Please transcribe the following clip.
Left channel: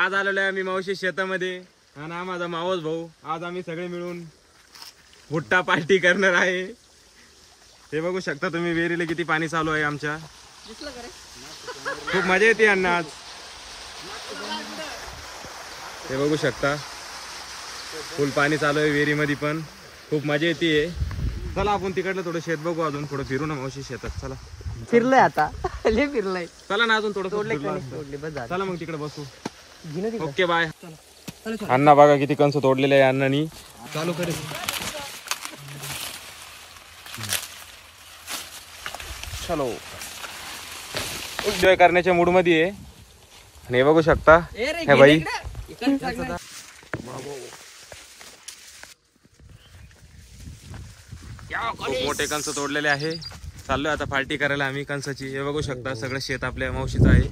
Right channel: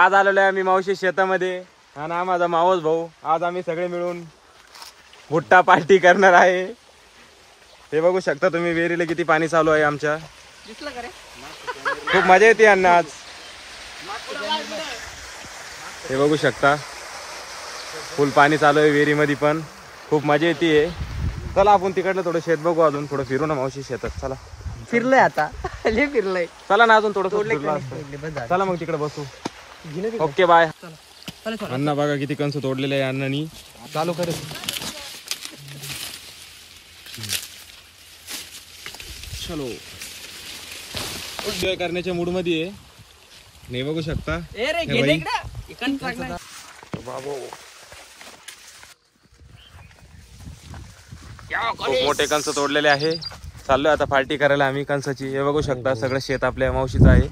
आज आलेलो आहे आम्ही मावशी शेतामध्ये आणि हा माझा मावस भाऊ. आज आम्ही सगळे मिळून भुट्टा पार्टी करणार आहे. हे बघू शकता तुम्ही विहिरीला किती पाणी चालू आहे आमच्या. खूप मजा येते अण्णा आज. हे बघू शकता फुल पाणी चालू आहे विहिरीमध्ये पण खूप मजा येते. चला आपण तिकडलं थोडं शेत बघू, अजून थोडं फिरू ना मावशी शेतात. चला फिरलोय आता फिरलोय. चला ना अजून थोडं. चला मग तिकडे बसू. Okay bye. अण्णा बघा किती कंस तोडलेले आहे अण्णांनी. चालू करे चलो एन्जॉय करण्याच्या मूड मध्ये आहे. हे बघू शकता हे बाई खूप मोठे कंस तोडलेले आहे. चाललोय आता पार्टी करायला आम्ही कंसाची. हे बघू शकता सगळं शेत आपल्या मावशीचं आहे.